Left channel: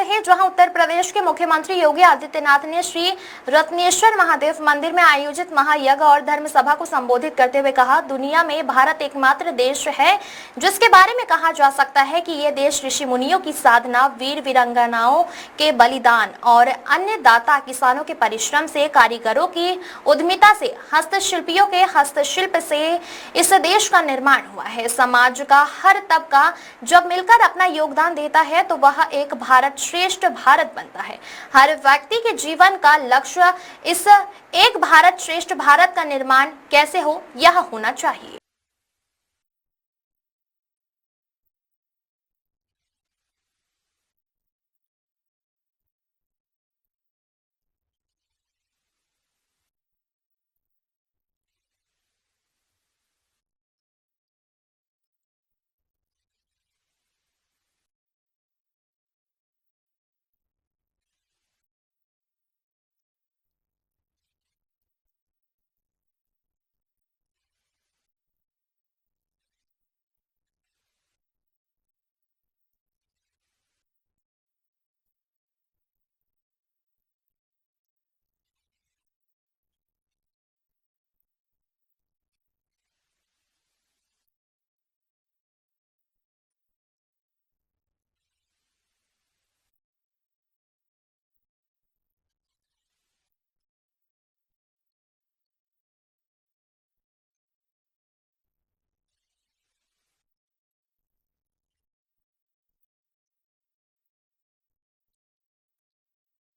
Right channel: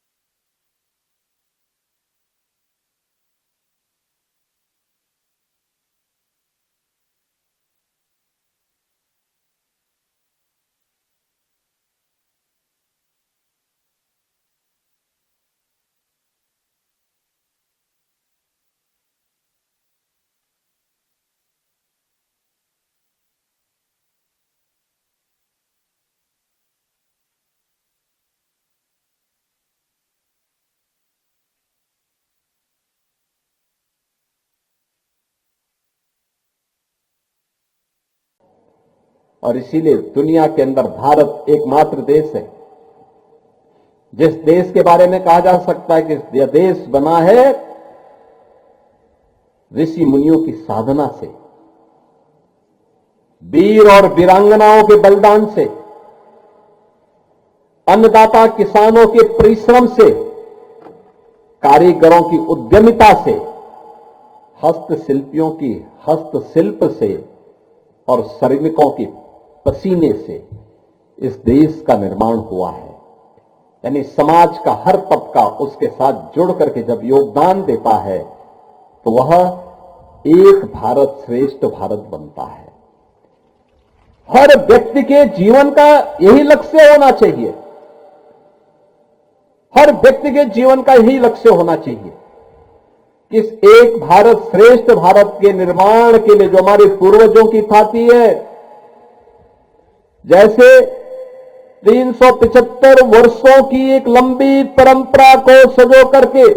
से है, जहां उत्तर प्रदेश के मुख्यमंत्री योगी आदित्यनाथ ने श्री रत्नेश्वर महादेव मंदिर में आयोजित महायज्ञ और धर्म सभा को संबोधित करते हुए कहा, दुनिया में भारत एकमात्र देश है जिसके बारे में कहा जा सकता है कि यह देश ऋषि मुनियों की साधना, वीर वीरांगनाओं के बलिदान और अन्य दाता किसानों के परिश्रम से, कारीगरों की उद्यमिता से, हस्तशिल्पियों के हस्तशिल्प से इस देश का निर्माण हुआ है। समाज का हर तबका जब मिलकर अपना योगदान देता है तो वह एक भारत श्रेष्ठ भारत बनता है। हर व्यक्ति के जीवन का लक्ष्य इस एक भारत श्रेष्ठ भारत का निर्माण कैसे हो, यह होना चाहिए। और इसीलिए दुनिया के अंदर भारत एकमात्र देश है जिस देश के बारे में कहा जा सकता है कि यह देश बना है ऋषि मुनियों की साधना से, वीर और वीरांगनाओं के बलिदान से, अन्नदाता किसानों के परिश्रम से, कारीगरों की उद्यमिता से, हस्तशिल्पियों की हस्तशिल्प से और श्रमिकों के पसीने से इस देश का निर्माण हुआ है। यानी समाज का हर तबका उसके साथ जुड़ करके जब योगदान देता है तो वह एक भारत श्रेष्ठ भारत बनता है। हर व्यक्ति के जीवन का यही लक्ष्य होना चाहिए, हर व्यक्ति के जीवन का यही लक्ष्य होना चाहिए कि इस एक भारत श्रेष्ठ भारत के निर्माण के लिए जो हमारे पूर्वजों की ख्याति है, जैसे 375 वर्षों की एक लंबी परंपरा को सजो करके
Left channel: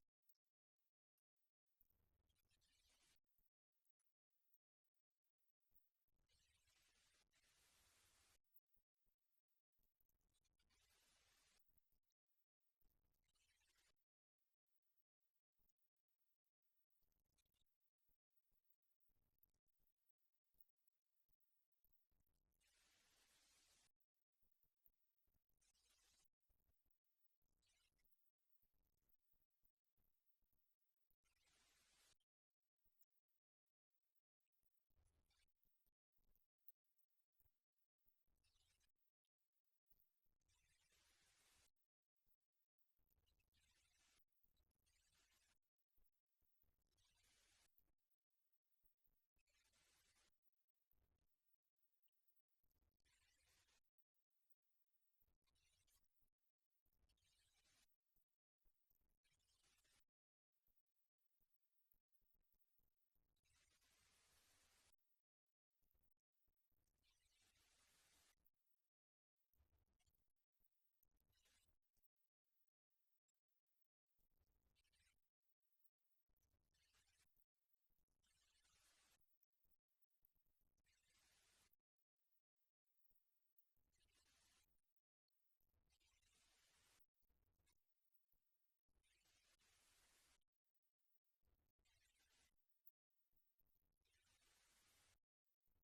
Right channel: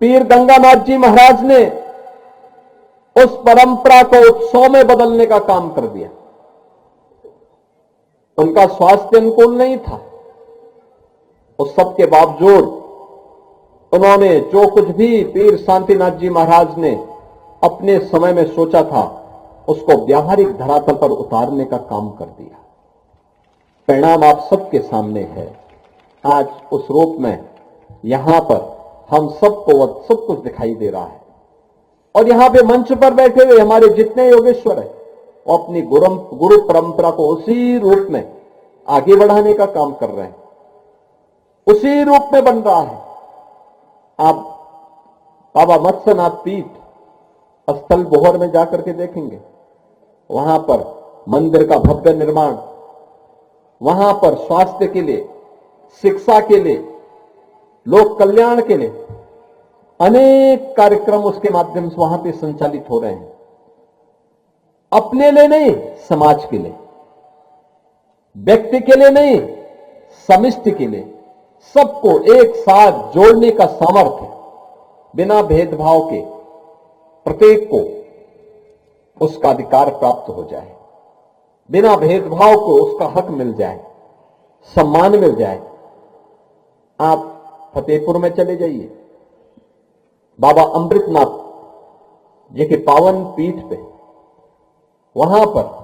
पीर गंगानाथ जी महाराज ने उस परंपरा को उत्सव में बदलने का काम कर दिया। उनका स्वास्थ्य अनुकूल नहीं था, उस सब के बावजूद उन्होंने जो कुछ भी पीर शांतिनाथ जी महाराज ने अपने समय में सोचा था उसको व्यावहारिक धरातल पर उतारने का काम कर दिया। परिणाम आप सबके सामने है। आज उस रूप में यहां पर हम सबको सब कुछ दिखाई दे रहा है और यहां पे मंच पर बैठे हुए हमारे जितने योगेश्वर है वो अपनी गुरु परंपरा को उसी रूप में आगे बढ़ाने का काम कर रहे हैं, उसी रूप में बन रहा है। आप बाबा मत्स्यनाथ पीठ स्थल बोहर में जाकर के देखेंगे, वहां पर मंदिर का भव्य निर्माण, वहां पर स्वास्थ्य के लिए, शिक्षा के लिए, लोक कल्याण के लिए अनेक कार्यक्रम उसके माध्यम से वहां पे संचालित हो रहे हैं। अपने लिए नहीं, समाज के लिए, व्यक्ति के लिए नहीं, समिष्टि के लिए, सबको एक साथ जोड़ने का सामर्थ्य बिना भेदभाव के प्रत्येक को उसका अधिकार प्राप्त हो जाए, बिना भेदभाव को उसका हक मिल जाए, सम्मान मिल जाए। आप फतेहपुर में चले जाइए, बाबा अमृतनाथ जी के पावन पीठ पे, वहां पर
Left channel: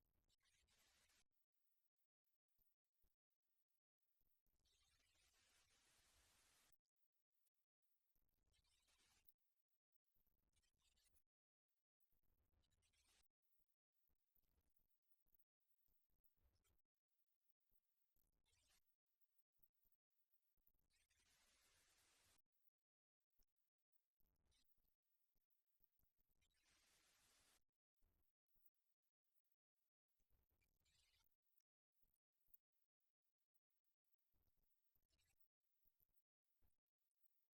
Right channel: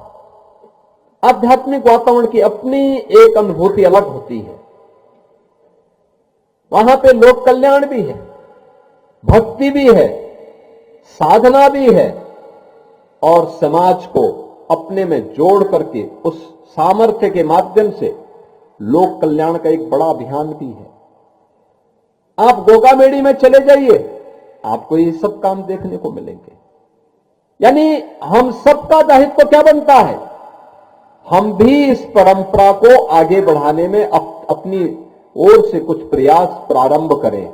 आध्यात्मिक वातावरण की अपनी एक अनुभूति अलग होती है। वहां पे लोक कल्याण भी है, भक्ति भी है, साधना भी है और समाज को अपने में जोड़ करके उस सामर्थ्य के माध्यम से लोक कल्याण का एक बड़ा अभियान भी है। आप गोगामेड़ी में चले जाइए, आपको ये सब काम देखने को मिलेंगे। यानी हम सबका दायित्व क्या बनता है, हम भी इस परंपरा को आगे बढ़ाने में अपनी ओर से कुछ प्रयास प्रारंभ करें।